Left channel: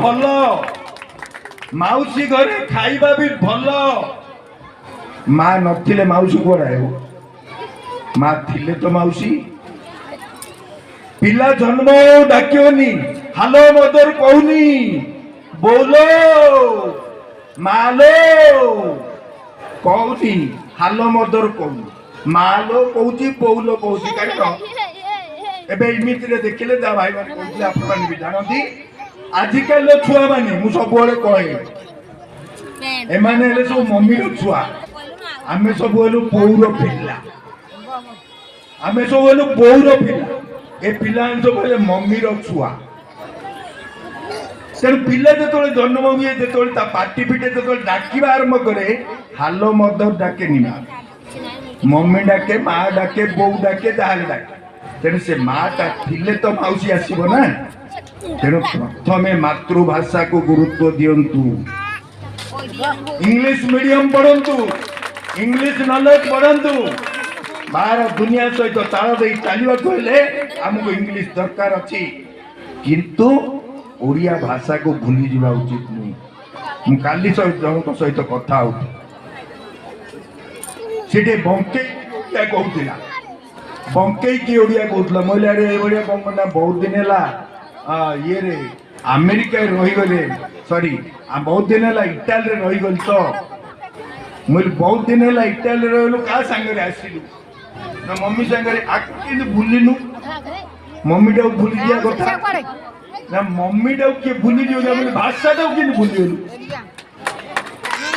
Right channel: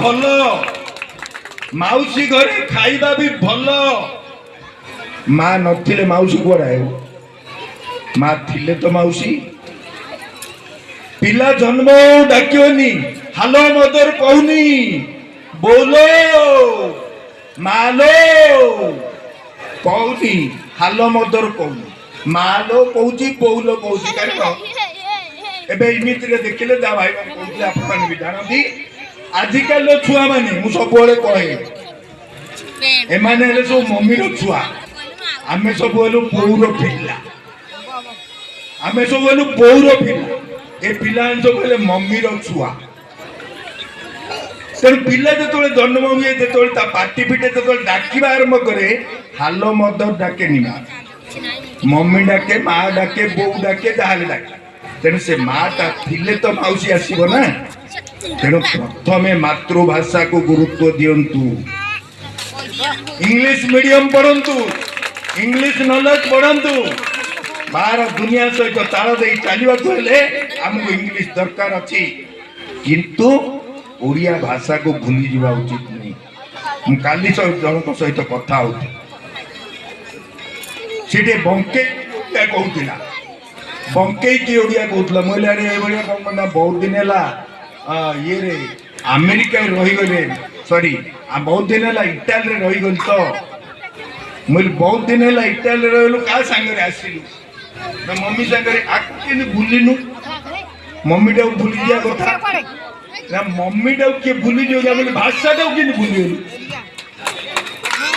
भल माउसी घरे खाइबा भी भल माँ नथिले माउसी कुआड़े माँ थिले तो माउसी पिला जन्म डाकियोनी हालो मदर कहूनी बोलो मालो कहूनी हालो मदर कहूनी मालो कहूची बोलो कहूची कारण एबे इमिति रे देखिले जा भाई मान कहूची आपन भी जानती आजिकल छुआ माने मु सब बोले कहे ए माने हेले सब मम्मी रो छुआ आमे सब बोलू पौर पिला आमे सब बोलू पौर पिला ए पिला सब बोले मम्मी रो छुआ तेणु पिला जो जन्म हुए जो पार्टी पिटे जो डाकिबा आरंभ करे हालो मदर डाके नहीं मम्मी डाके माँ डाके बो डाके जहाँ डाके तेणु से माँटा थिले तो माउसी आसब ना तेणु प्रथम मातृभाषा को गुरुत्व दियंतु इंग्लिश मीडियम पढ़ंतु इंग्लिश नॉलेज पढ़ंतु बाहर दुनिया सहित ताल दे चलवा आमको इंग्लिश दरकार अच्छी किंतु ओडिया भाषा को भूली जावा उचित नहीं काली जनक सहित कथा होती सीटे बंके कहूला बंके की ओडिया कहूला महिला रे ओडिया कहना बहुत दिन है ये रे अमेरिका रहीगले सॉरी बहुत दिन है इटाली रहीगल तो मुझे बहुत दिन है इटाली रही क्या सांगे आसिलु ना मम्मी सांगे आके भूलिनु मम्मी टा भूली दिया कथा ना मम्मी टा किए भूली दियो भाषा टा कि भूली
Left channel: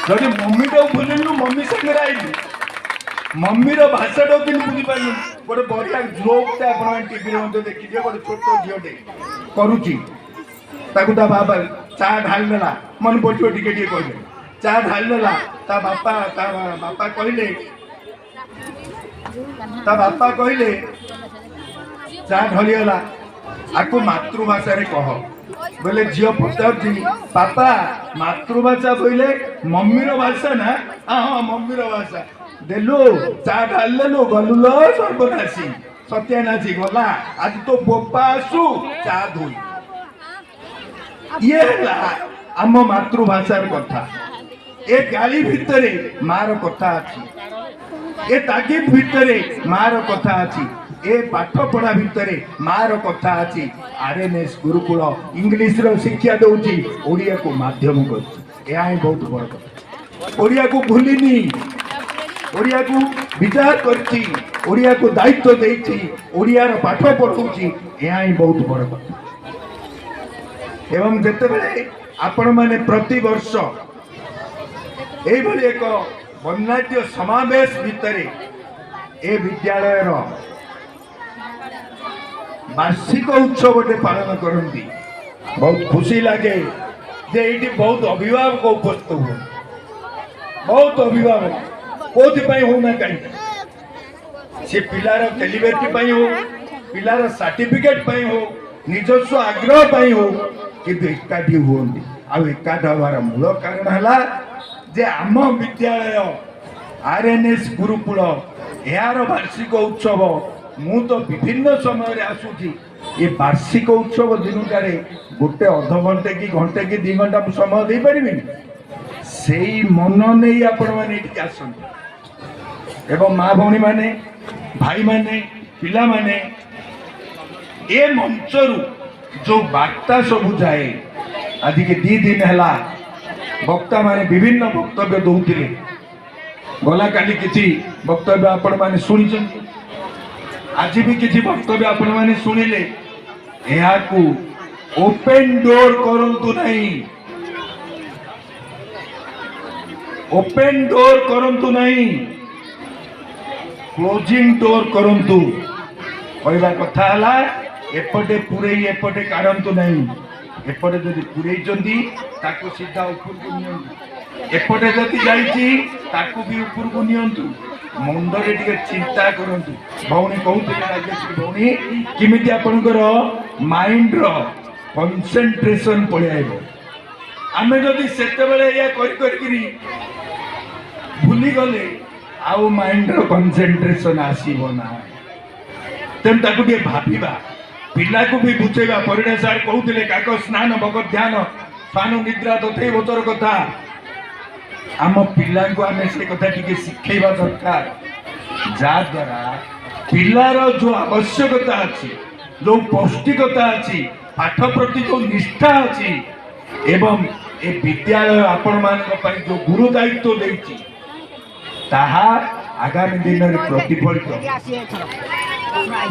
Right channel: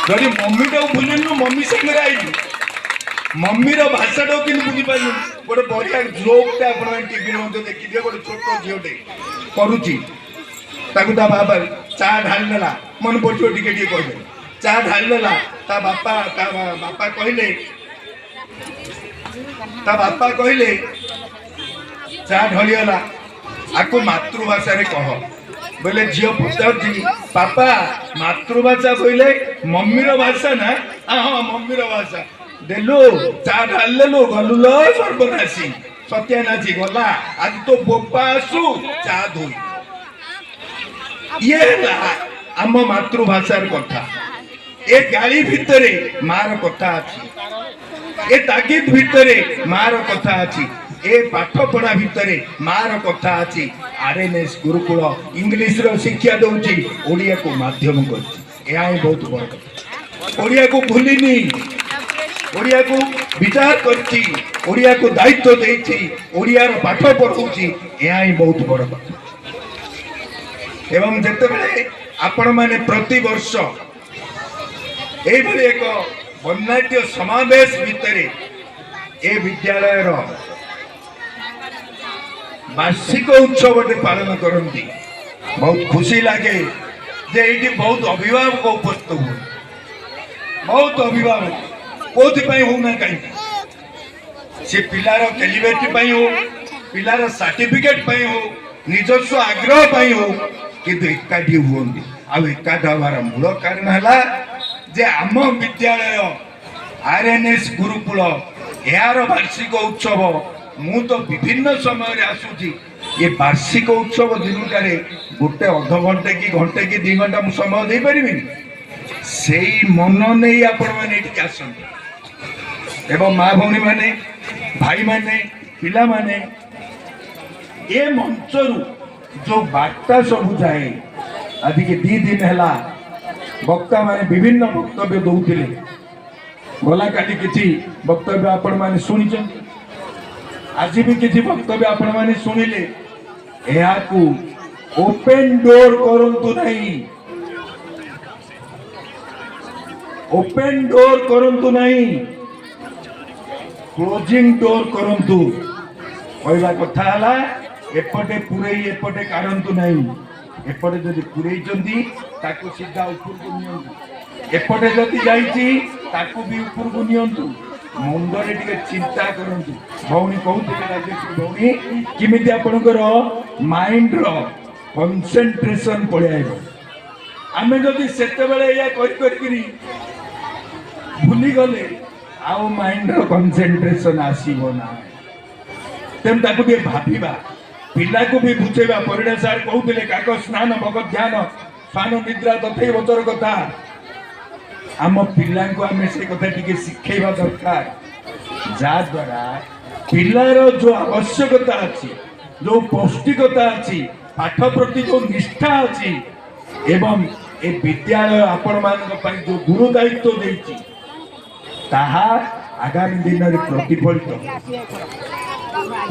जब मम्मी टा भूलिनु मम्मी सांगे आइलु मम्मी रो भाषा टा कि बुझी पाइलु गोटे बढ़िया जोक आप टीवी में देखी दिए गोटे छोट झीटे करुची ताकू ता बाबा चा ढाल देला मन पड़ो टिके टिके कहले चा ढाल देला ता बापा कहले चा ढलिएला आको मातृभाषा रे कह बोले झील पचार पापा मातृभाषा बोले मम्मी रो भाषा ना हाँ मम्मी रो भाषा देलु चा ढाल देलु गलु लो सर्वनाशी सत्यानाशी गला आज तो बोपा आसु चा धोई ये आम मातृभाषार कथा ए गाली भितरे मार कथा अच्छी ए तागिद भितरे मार कथा अच्छी ए पाठ पढ़ा भितरे मार कथा अच्छी आरएनएस गुरुकुल इंग्लिश रो शिक्षा दउची ओडिया को माध्यम करची एहा बहुत बड़ कथा ओडिया को भूलिनी ओडिया को विचार करची ओडिया को दायित्व देची ओडिया रो पाठ पढ़ौची एहा बहुत बड़ कथा एवं जिते आपण माने प्रति वर्ष एक वर्णाढ्य समावेश भितर ए विद्यालय वार्षिक उत्सव पालन करती बहुत खुशी लगे जे ये बहुत अभिभावक उपस्थित हुए बहुत अभिभावक कौन होना कहीं से पिलार कैलिब्रेटी हो पिलार सर्टिफिकेट हो निजस्व आग्रह हो किंतु एकाठी हुए आकाठ हमार मूल कारण है जे आम विद्यालय आरएनएस गुरुकुल यार वार्षिक उत्सव मु तो विभिन्न समय आसूची ये वार्षिक उत्सव दिनटार गोटे अध घंटे कि घंटे कि 2 घंटा मु समय दे पारिबी से मन नहीं आपण मैंने आसते एवं माँ भौणी मैंने भाई मैंने पिला माने ए मंचरू जो वार्ता सब जाए आज के 2 दिन है वक्ता माने विभिन्न वक्तव्य दौते गला काली किसी वक्तव्य आपण माने शुणी आज भी किसी वक्तव्य आपण माने शुणिले को ओपन डोर करंतु नहीं ओपन डोर करंतु नहीं क्लोजिंग डोर करंतु कहला कथा हला एपटे पुरे एपटे काढंतु नहीं एपटे जदि पुरई ताको सीधा ऊपर को नियंतु एपटे जदि जाइछि ताको भी ऊपर को नियंतु मुंडरे टिके चिंता करंतु भौणी कहउते राजेश्री भौणी किमिति आपनकर माइंड रो कंसंट्रेशन पळाइबो आमे जदि सेते बेले या करी भूली गले आउ माइंड रो कंसंट्रेशन आसीबो ना तेन ताको भी भाबिबा पिला को भी बुझेगा परिणा सार कहते काक स्नान भगत ध्यान स्वान निद्रा तथै बतर कथा आम पिला को आम से कथा टिके शिखेबा दरकार जा द्वारा पिलार जो आवश्यकता अच्छी जो पौष्टिकता अच्छी पाठ प्रति जो निष्ठा अच्छी एवं ए विद्यालय आपण मान जो गुरु दायित्व देती ताहा आगामी दिन में प्रतिफलित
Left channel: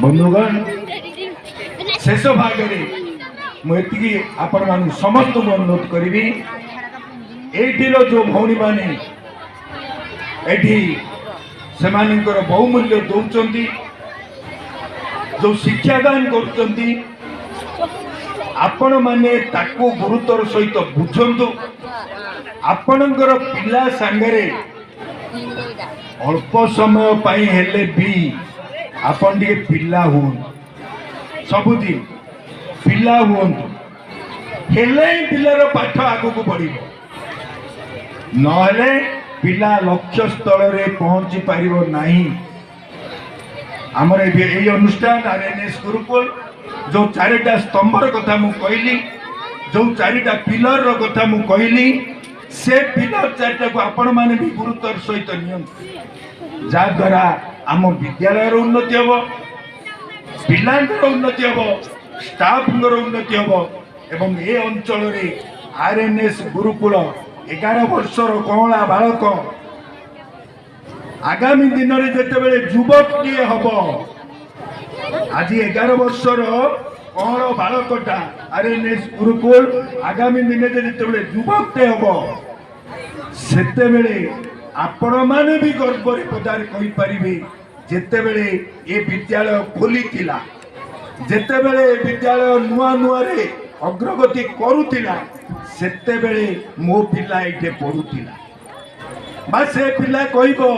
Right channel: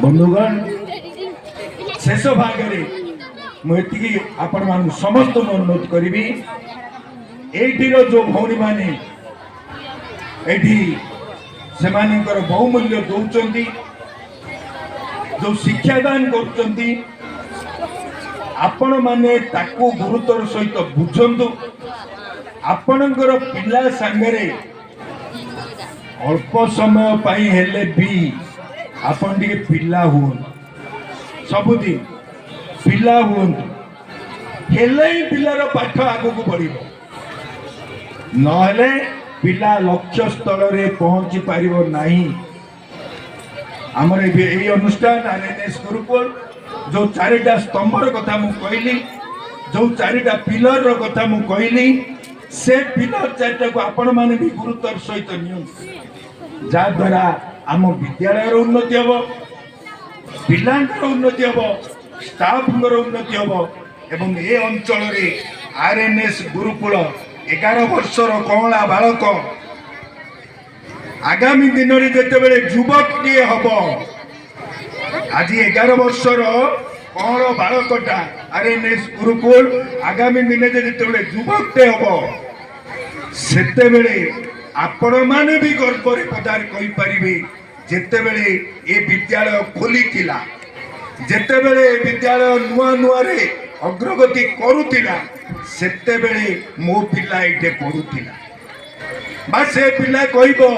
बंधुगण शेष भाग में मुझे आपण मान समस्त अनुरोध करी एटीर जो भौणी माने से बहुमूल्य दौरान जो शिक्षादान कर आपण माने ताकू गुरुतर सहित बुझंतु आपणकर पिला सांगरे अल्प समय पाई हेले भी आपण टिके पिला हुन सबुदिन पिला हुन हेले पिलार पाठ आगु को बढ़िबो नहले पिला लक्ष्य स्थल रे पहुंची पारिबो नाही हमर ए अनुष्ठान आरएनएस गुरुकुल जो चारिटा स्तंभर कथा मु कहली जो चारिटा पिलर रो कथा मु कहली से पिलर चारिटा को आपण माने भी गुरुतर सहित नियम जा द्वारा आम विद्यालय उन्नति हम पिलांकर उन्नति हम स्टाफ उन्नति हम एवं ए अंचल रे आरएनएस गुरुकुल 11 वर्षर कमला बालक आगामी दिन में जिते युवक टे हम आज 11 वर्षर कमल बालकटा आरएनएस गुरुकुल आगामी दिन में जिते युवक टे हम सेते आपण माने भी गर्व पदार कहि परिबे जेते बेले ए विद्यालय खोली थिला जेते बेले ए विद्यालय नुआ नुआ रे अग्रगति करूथिला सेते बेले मो पिला एटे पढुथिला बा से पिला कहबो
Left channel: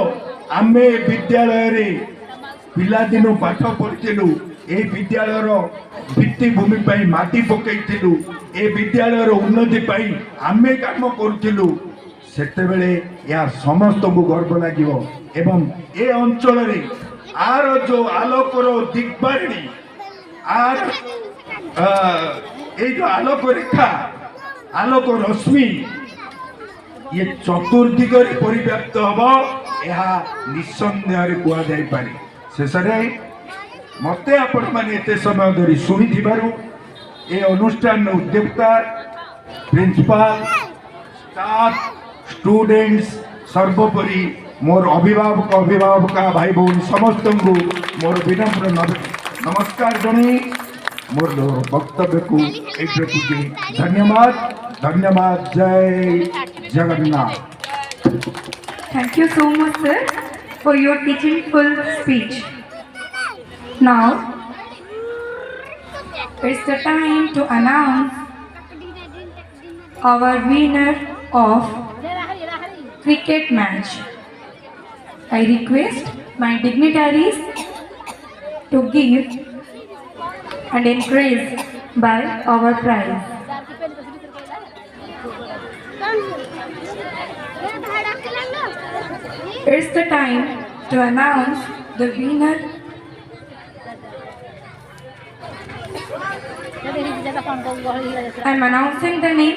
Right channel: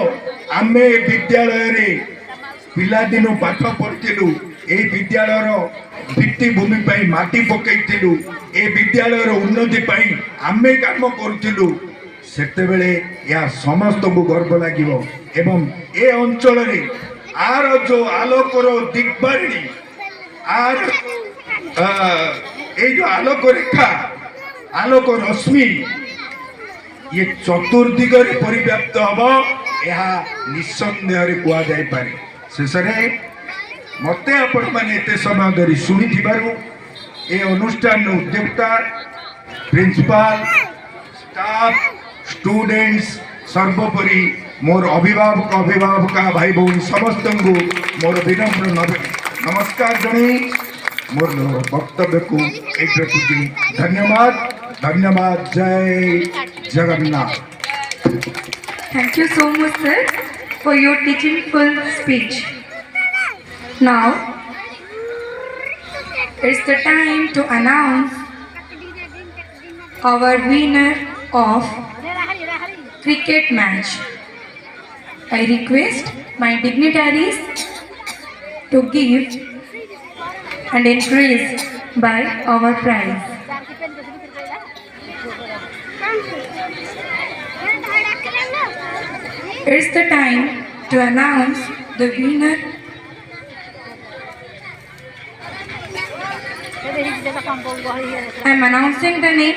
आमे विद्यालय रे पिला दिनो पाठ पढिथिलु ए विद्यालय रो भित्ति भूमि पई माटी पकैथिलु ए विद्यालय रो उन्नति पई आमे काम करूथिलु सेते बेले या समस्त को गर्व लागिवो एवं ए अंचल रे आर जो आलोकर दिग्बारिणी आर ए जो आलोक रेखा आलोक रश्मि ये चतुर्दिग परिव्याप्त हम यह निसंदेह कह जाई पारे शेष मत आपण मैंने एत समय धरी शुणी ए अनुष्ठान उद्योक्ता प्रिंसिपाल स्टाफ स्टूडेंट्स सर्वोपरि मोर अभिभावक अभिभावका भाई बहन समस्त को मोर विनम्र नमस्कार जन मोर वक्तव्य को धन्यवाद धन्यवाद जय Jagannath. Thank you so much, sir, for your teachingful speech. Now, it's the time to announce our winner of cricket match. I request my dignitaries to give and encourage by our prize. It's the time to announce the winner. I'm announcing the name.